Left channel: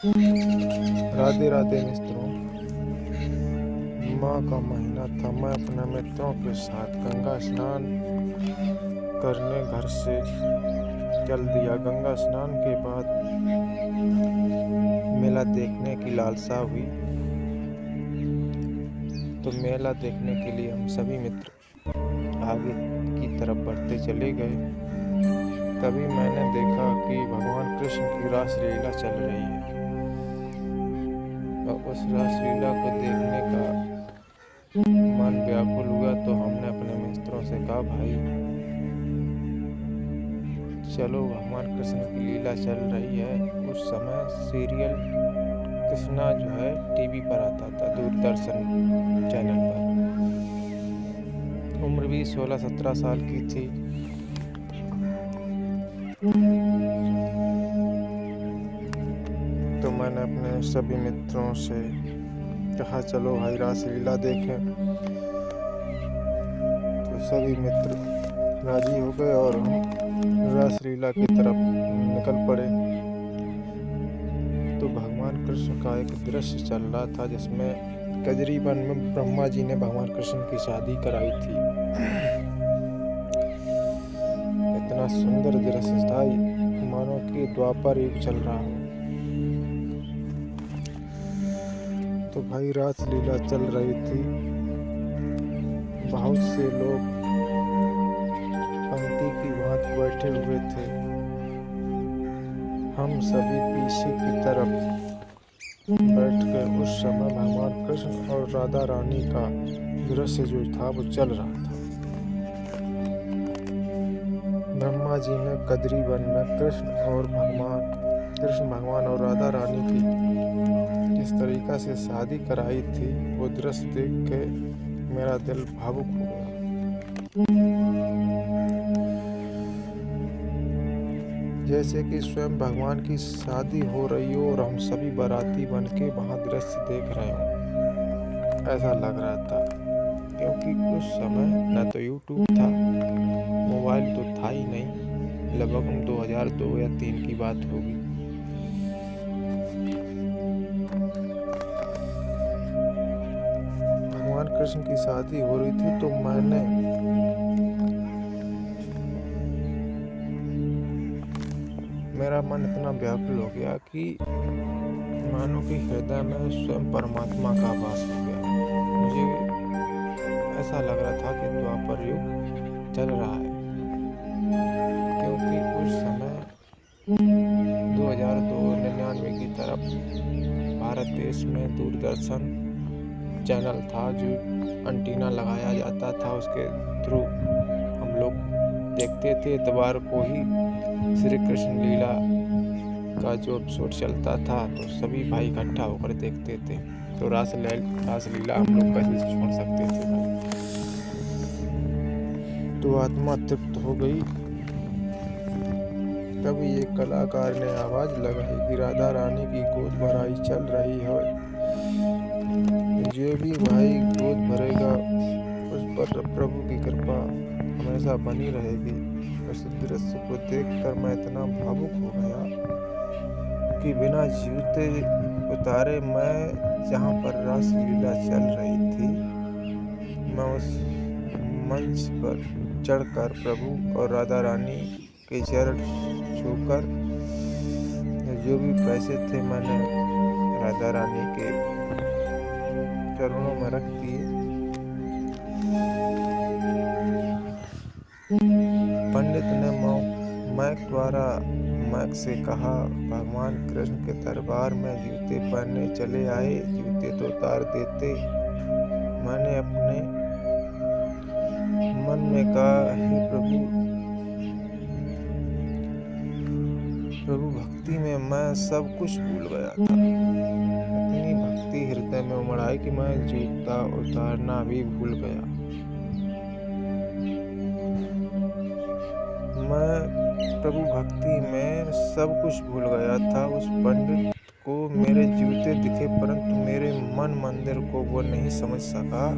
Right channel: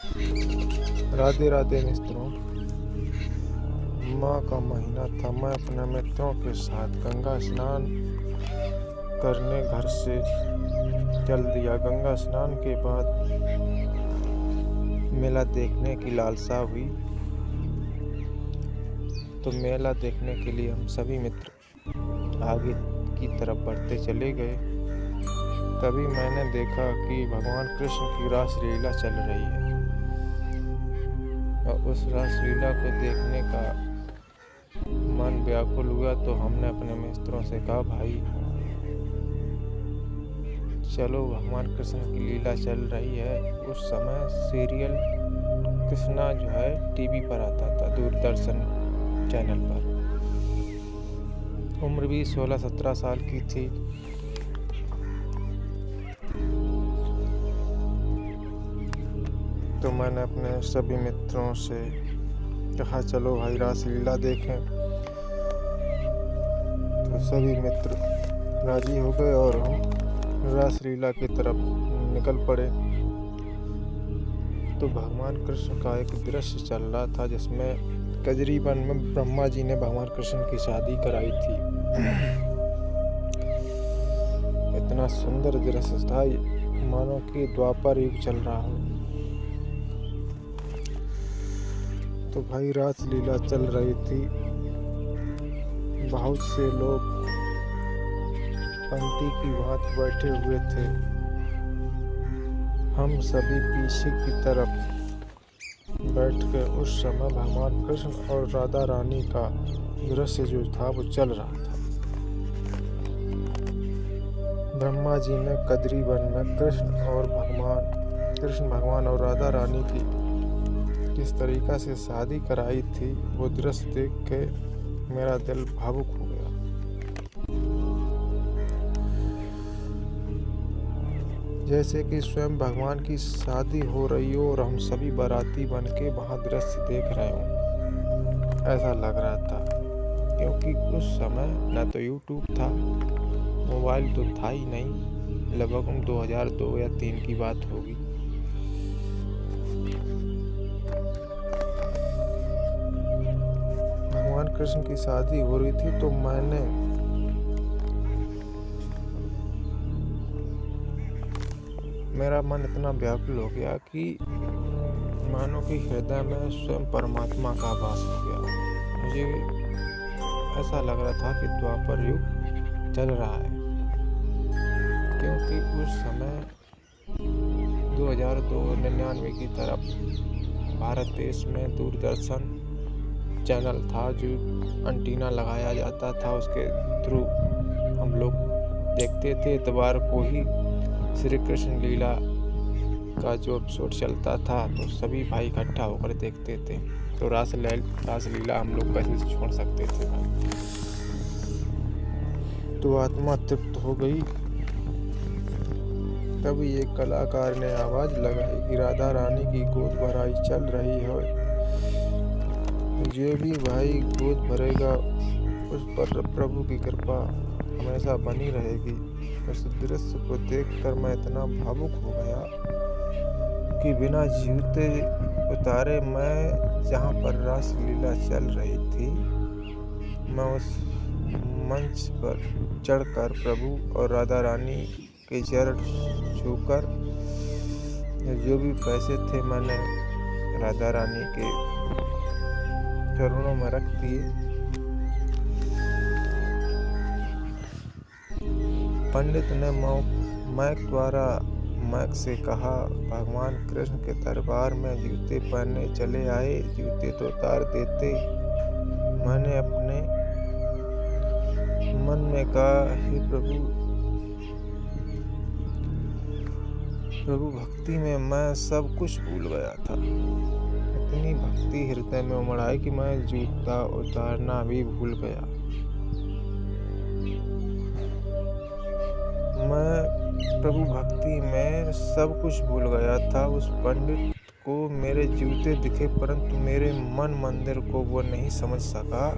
राधे राधे मित्रों। माह का महीना था। मैं अपने मित्रों के साथ गंगा स्नान करने घर से चल दिया। गंगा स्नान के बाद मेला देखने की लालसा हुई, तो मेला देखने के लिए हम सभी मित्र आगे की तरफ बढ़ते चले गए। तभी मैंने देखा कि भगवान कृष्ण की रासलीला चल रही है और उस रासलीला को देखने का मन व्याकुल हुआ। तो हमने अपने मित्रों से कहा, भाई चलो, भगवान कृष्ण की लीला चल रही है। उस समय सीरियल कृष्णा जो है टीवी पर आता था, दूरदर्शन चैनल पर। उम्र भी 16-17 साल की थी। तो मैंने अपने सभी मित्रों से कहा, चलो भाई रासलीला देखें। तो सभी मित्र राजी हो गए और हम रासलीला की तरफ निकल पड़े। तो भगवान कृष्ण का एक दृश्य चल रहा था जिसमें कजरी वन में ब्रह्मा जी ने भगवान कृष्ण की शादी कराई थी। इतना सुंदर दृश्य था, मानो कि द्वापर युग चल रहा हो। तो भाई रासलीला चल रही थी। बहुत से लोग पंक्ति की भांति बैठे हुए थे। हम सभी पीछे की तरफ बैठ के उस समय भगवान कृष्ण और राधा रानी का दृश्य जो था वो चल रहा था। ब्रह्मा जी ने कजरी वन में कृष्ण भगवान और राधा रानी की जिस तरीका से शादी कराई थी, वो दृश्य देख के मेरा दिल भावुक हो गया। जैसे कि स्वयं भगवान की शादी हो रही हो और हम सभी बाराती बन के वहाँ दृश्य देख रहे हो, ऐसा लग रहा था। क्योंकि उस समय न तो यूट्यूब था, मोबाइल तो था ही नहीं। लगभग 2002 या 2003 की बात होगी। भगवान कृष्ण की शादी हो रही थी, तो मेरा मन इतना व्याकुल हो गया कि मानो कि हृदय में स्वयं परमात्मा का वास हो गया। मुझे ऐसा लग रहा था कि द्वापर युग चल रहा है। क्योंकि उस समय 2002-99 की तरफ भारत देश में दूरदर्शन चैनल था, जो एंटीना लगाया जाता था, उसके थ्रू हम लोग देखते थे। इतवार को ही श्री कृष्ण लीला का जो एपिसोड चलता था, तो सभी भाई इकट्ठा होकर देखते थे। तो रासलीला हम लोग कैसे छोड़ सकते थे भाई। तो आत्मा तृप्त हो गई। तभी एक कलाकार ने आवाज लगाई कि राधा रानी की गोद भराई चल रही है। जो भी भाई गोद भरेगा उस पर प्रभु की कृपा हमेशा बनी रहेगी। उस दृश्य को देखकर मैं इतना भावुक हो गया कि बिना जूते उतारे मैं जहाँ पर रासलीला चल रही थी, मैं उस मंच पर चढ़कर प्रभु और राधा रानी के चरण छूकर जो भी पैसे थे मैंने राधा रानी के चरणों में रख दिए। पंडित ने मैक से कहा, भगवान कृष्ण के दरबार में जूते पहनने चले आए, जूते तो उतार देते। मैंने अपने मन में कहा, हे प्रभु भक्ति में मैं सब कुछ भूल गया था। इतनी भक्ति हृदय में उमड़ आई कि मैं जूता उतारना भी भूल गया। मैं प्रभु भक्ति में सब कुछ भूल गया था। उस पंडित को मेरे जूते दिखे, परंतु मेरे मन मंदिर को वो नहीं समझ सका।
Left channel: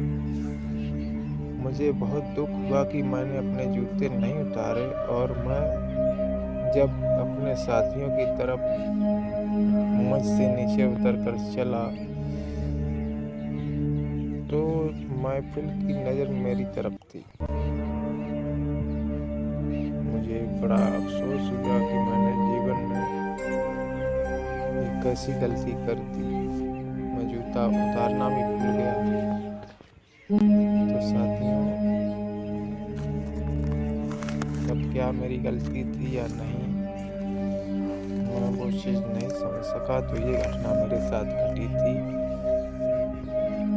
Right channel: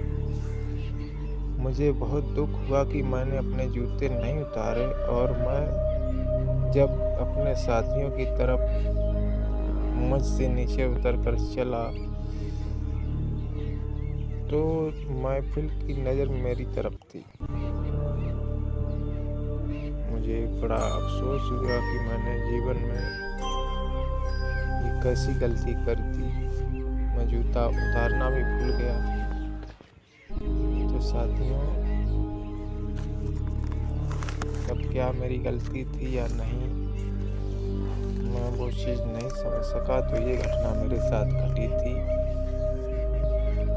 मुझे बहुत दुख हुआ कि मैंने अपने जूते नहीं उतारे, और मैं जब अपने साथियों की तरफ मुझसे नीचे उतर कर चला तो महफिल की नज़र मेरी तरफ थी। मुझे बड़ा अफसोस हुआ कि मैंने जीवन में ये कैसी गलती कर दी। मैं जूता उतारना भी भूल गया। तो साथियों, अब क्या मेरी गलती थी या नहीं, मैं वो चीज़ नहीं समझ सका। तो ये घटना मेरे साथ घटी थी।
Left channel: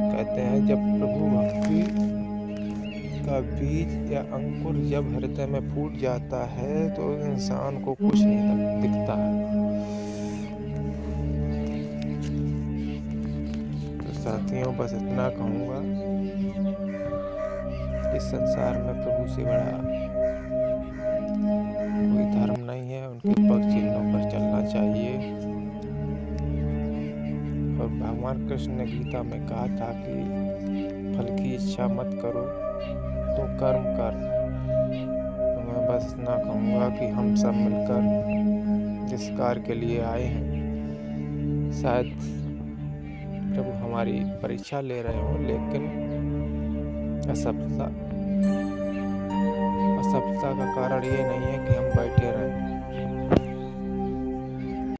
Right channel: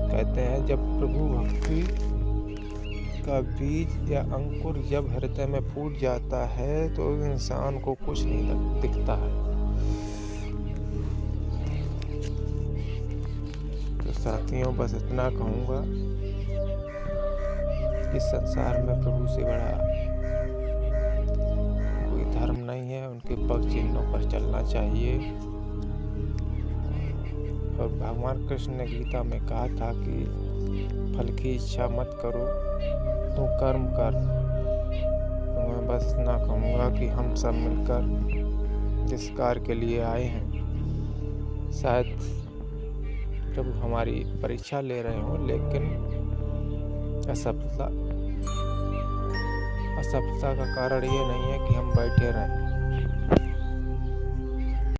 कहते हैं जब प्रभु भक्ति का बीज या अंकुर जब हृदय में फूट जाता है तो इंसान को कुछ नहीं दिखता है। तो साथियों, बस इतना कहूँगा इस संसार में प्रभु से बड़ा कोई धर्म नहीं है। उनके पग चिन्हों पर चलना चाहिए। और भगवान कृष्ण ने गीता में कहा था कि फल की इच्छा मत करो, तू कर्म कर। तो मैं बस इतना कहूँगा कि हम सब मिलकर जिस कार्य के लिए आए हैं, शायद प्रभु हमारी परीक्षा ले रहे हों, लेकिन असफलता का कारण ये नहीं है कि हम बैठे रहें।